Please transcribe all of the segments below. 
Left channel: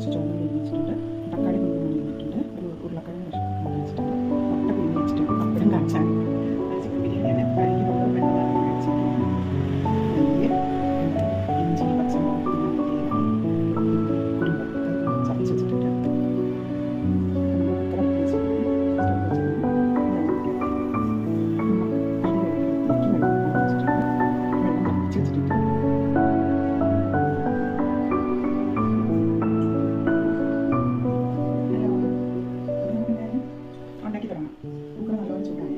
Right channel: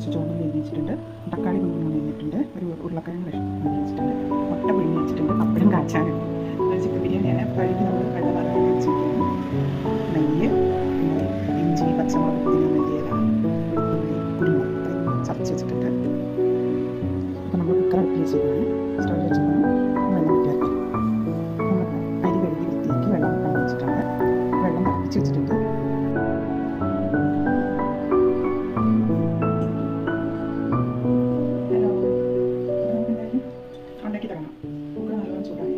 കുറച്ച് ചോറ് പിഴിഞ്ഞ് വെച്ചിട്ടുണ്ട്, തക്കാളി കുഞ്ഞുങ്ങൾ കഴിഞ്ഞിട്ടുണ്ട്, ഒരു ഉരുളക്കിഴങ്ങ് ആക്കി വെച്ചിട്ടുണ്ട്, മുട്ട പിഴിഞ്ഞ് വെച്ചിട്ടുണ്ട്, പപ്പടം കാച്ചാനുണ്ട്. ചിക്കൻ ബിരിയാണിയാണ്. വഴുകി നമ്മൾ വെള്ളം വെച്ചിട്ടുണ്ട്. നെയ്യ്, ഇഞ്ചി, പച്ചമുളക്, മല്ലിയില, കുരുമുളക് ഇത്രയും ചതച്ച് വെച്ചിട്ടുണ്ട്. അപ്പോൾ നമ്മൾ കുക്കർ അടുപ്പിൽ വെച്ചിട്ടുണ്ട്, സ്റ്റവ് വെച്ചിട്ടാണ് വെള്ളം വയ്ക്കാറ്. നമ്മൾ അരി കഴുകി വൃത്തിയാക്കി വെള്ളം വെച്ചിട്ടുണ്ട്, വെള്ളം തിളപ്പിച്ച് വെച്ചിട്ടുണ്ട്. ഉണ്ടാക്കി തുടങ്ങാം. കുക്കർ നല്ലോണം ചൂടായി.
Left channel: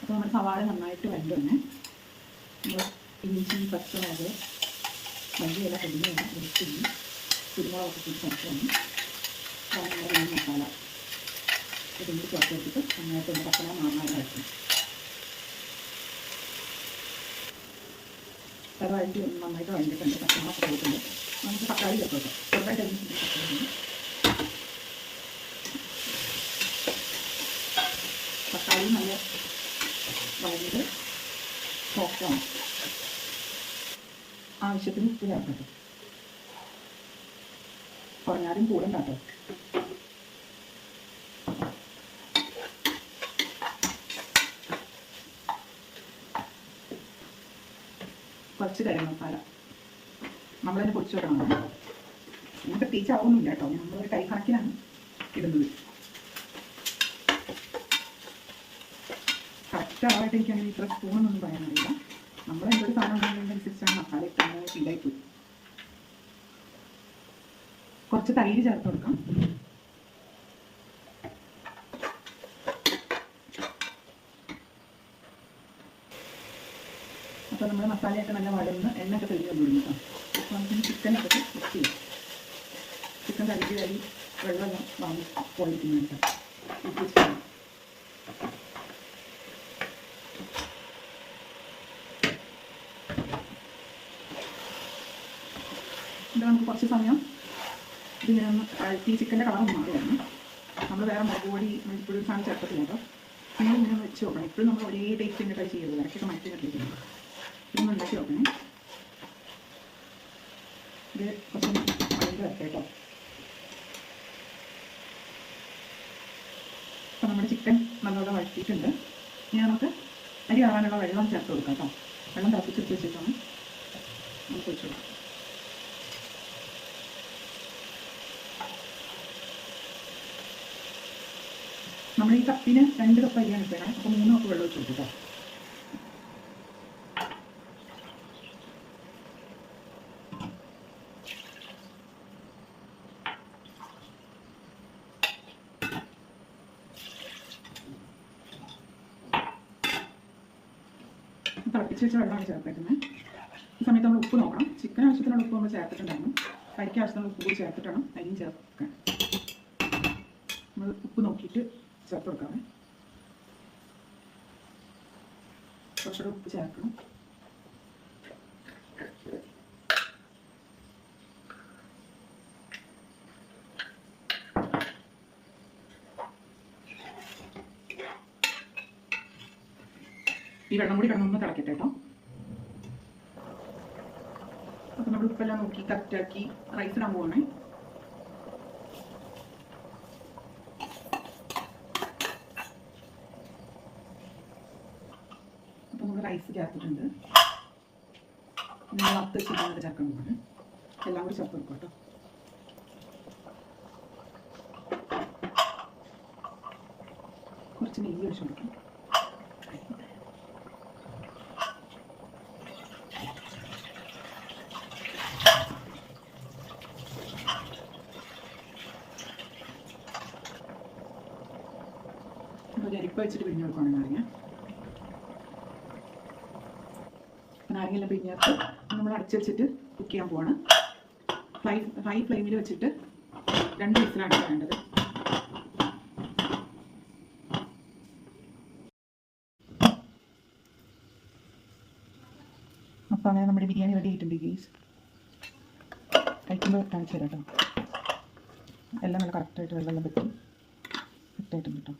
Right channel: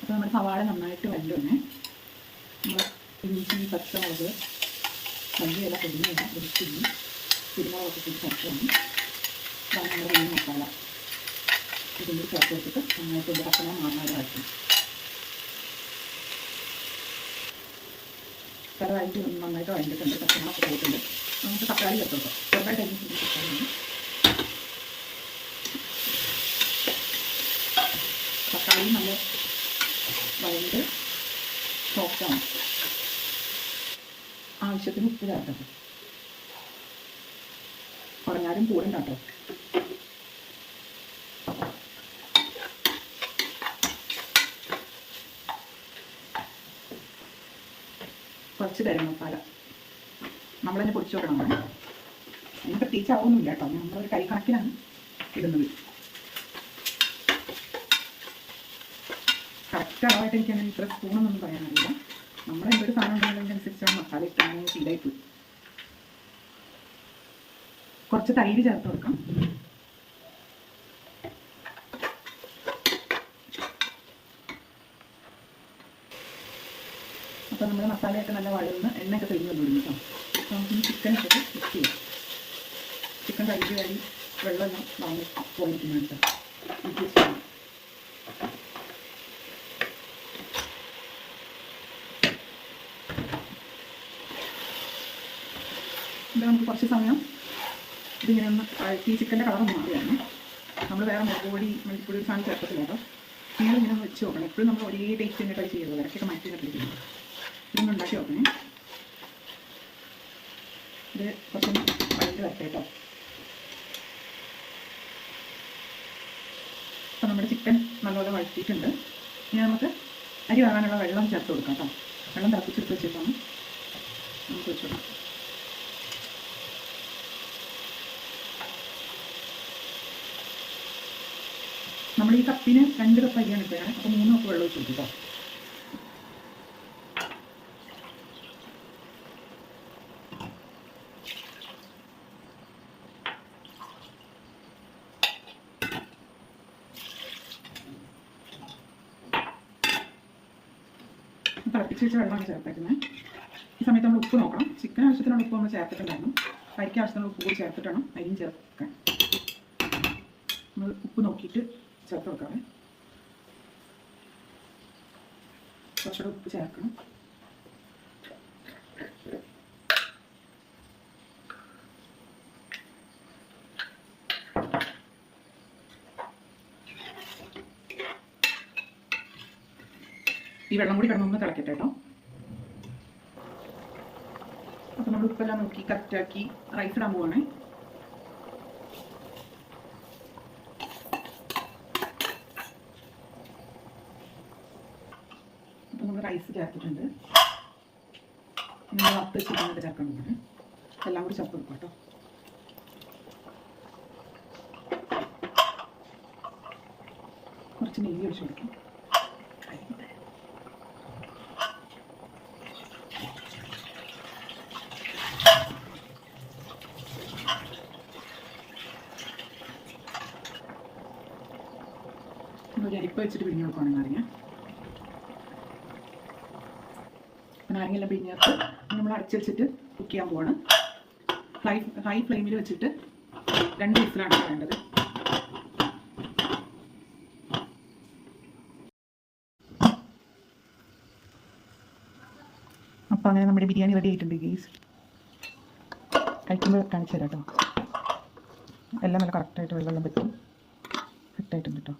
അപ്പോൾ നമ്മുടെ സവാള നന്നായിട്ട് വഴറ്റുകയാണ്. നമ്മൾ ഇഞ്ചി, പച്ചമുളക്, മല്ലിയില, പൊടിഞ്ഞ വെളുത്തുള്ളി, കുരുമുളകൊക്കെ കൂടി ചേർക്കുകയാണ്. അതാണ് നമ്മുടെ മെയിൻ മസാല. ഇതും കൂടി ചേർത്ത് വെച്ചിട്ട് നന്നായിട്ട് ഇതിൻ്റെ പച്ചന മാറാതെ വഴറ്റും. പല വഴറ്റി നന്നായിട്ട് വഴറ്റിയിട്ടുണ്ട്, പച്ചമുളകൊക്കെ പോയിട്ടുണ്ട്. നമുക്ക് തക്കാളി ചേർത്ത് വെക്കാം. ചെറുതായിട്ട് അരിഞ്ഞ് തക്കാളി നല്ല വഴണ്ട് സോഫ്റ്റാണ്. ആവശ്യത്തിന് ഉപ്പ് ചേർക്കട്ടെ, കുറഞ്ഞാലും കൂടെ കാട്ടോ. കുറച്ച് ഗരം മസാല നമ്മൾ തന്നെ പൊടിച്ചു വെക്കണം. ഇനി പ്രത്യേകിച്ചാവൊന്നുമില്ല കേട്ടോ, നമ്മളൊരു കൈ കണക്കിനാണ് ഇടുന്നത്. കറക്റ്റ് അളവായിട്ട് എനിക്ക് അങ്ങനെ ഇത്ര സ്പൂണൊന്നും പറയാനറിയില്ല. നമ്മളെന്തൊരു സാധനം ഉണ്ടെന്നതിനനുസരിച്ചാണ് മസാല ഇട്ടാൽ ശീലമായിപ്പോയി. കുറച്ച് തൈര് ചേർത്ത് കൊടുക്കാം. അപ്പോൾ നമ്മുടെ മസാലയൊക്കെ നല്ല വഴന്ന് എണ്ണയൊക്കെ തെളിഞ്ഞ് വന്നിടുന്നു കേട്ടോ. അപ്പോൾ നമുക്കിനി ചിക്കനൊക്കെ മിക്സ് ചെയ്യാം. ചിക്കൻ കഴുകി വെള്ളമെല്ലാം വാങ്ങി പോയിരിക്കുന്നു കേട്ടോ. ഇത് നമുക്ക് കുറച്ച് സമയം ഇതിങ്ങനെ ഒന്ന് ഈ ചിക്കൻ്റെ കളർ മാറിയാണ്. നമ്മൾ വേറെ മുളക് പൊടി, മല്ലിപ്പൊടി ഒരു സാധനം ചേർത്തില്ല കേട്ടോ. ഇങ്ങനെ ഒന്ന് വെച്ച് നോക്കണം. എപ്പോഴും നമ്മൾ ഒരേ ടേസ്റ്റ് തന്നെ ട്രൈ ചെയ്യുള്ളൂ. ഇടയ്ക്കൊക്കെ മാറ്റി കണ്ടിരിക്കുന്നു. ഇതൊന്ന് ഉണ്ടാക്കി നോക്കണേ. ഇത് കുറച്ച് വഴണ്ട് വരട്ടെ കേട്ടോ. അപ്പോൾ നമ്മുടെ ചിക്കൻ നല്ലപോലെ വഴറ്റിയിട്ടുണ്ട്. ഇനി നമുക്ക് അരി ആകാനുള്ള വെള്ളം ചേർത്ത് കൊടുക്കാം കേട്ടോ. വെള്ളം തിളപ്പിച്ചെടുത്ത് വെച്ചിട്ടാണ് നമുക്ക് വെച്ച് കൊടുക്കാം. നമ്മൾ ഈ കപ്പിന് 2 കപ്പ് അരിയാണ് ഇപ്പോഴാണ്. അപ്പോൾ 3 കപ്പ് വെള്ളം ഒഴിച്ച് കൊടുക്കാം. തിളപ്പിച്ച് വെച്ച വെള്ളമാണ് ചേർത്തേക്കുന്നത്. സമയത്ത് നമ്മൾ ഉപ്പ് നോക്കണം. ചിക്കൻ ആവശ്യത്തിനുള്ള ഉപ്പ് നമ്മൾ ചേർത്തിട്ടുണ്ടായിരുന്നു. കറിക്ക് ആവശ്യത്തിനുള്ള ഉപ്പ് കൂടി ചേർത്തിട്ട് വേണം അരിയും ചേർക്കാൻ. നമ്മൾ ഉപ്പ് നോക്കിയിട്ട് ചേർത്ത് കൊടുക്കാം. കുറച്ചുകൂടെ ഉപ്പ് ചേർക്കണം. ഈ വെള്ളം കൂടി കിടന്നൊന്ന് തിളക്കട്ടെ കേട്ടോ. അപ്പോൾ നമ്മൾ ഉപ്പെല്ലാം നോക്കി കറക്റ്റാക്കി റൈസ് ഇടാൻ പോവാണേ. അപ്പോൾ നമ്മൾ റൈസ് ചേർത്തിട്ടുണ്ട്. നമ്മൾ വറുത്ത് വെച്ചിട്ട് ചേർക്കാൻ പോവാണ്. എല്ലാം കൂടി ചേർത്ത് കൊടുക്കാം കേട്ടോ. കുറച്ച് നെയ്യ് ഒഴിച്ച് കൊടുക്കാം. ഒരു അരിപ്പ വെച്ചിട്ട് പിഴിഞ്ഞ് കൊടുക്കുകയാണ് നാരങ്ങ. നാരങ്ങയെല്ലാം പിഴിഞ്ഞിട്ട് നമ്മൾ അടച്ച് വെച്ചിട്ട് കുക്ക് ചെയ്യാൻ പോവാണ്. ഹൈ ഫ്ലെയിമിൽ വെച്ചിട്ട് 2 വിസിലാണ് വേണ്ടത്. അപ്പോൾ അങ്ങനെ നമ്മുടെ ബിരിയാണി റെഡി ആയിട്ടുണ്ട് ഗൈസ്. കഴിക്കുമ്പോൾ കാണിച്ചു തരാം കേട്ടോ. എല്ലാം നല്ല കറക്റ്റായിട്ട് വെള്ളം പറ്റും. കറക്റ്റായിട്ടുണ്ട് കേട്ടോ.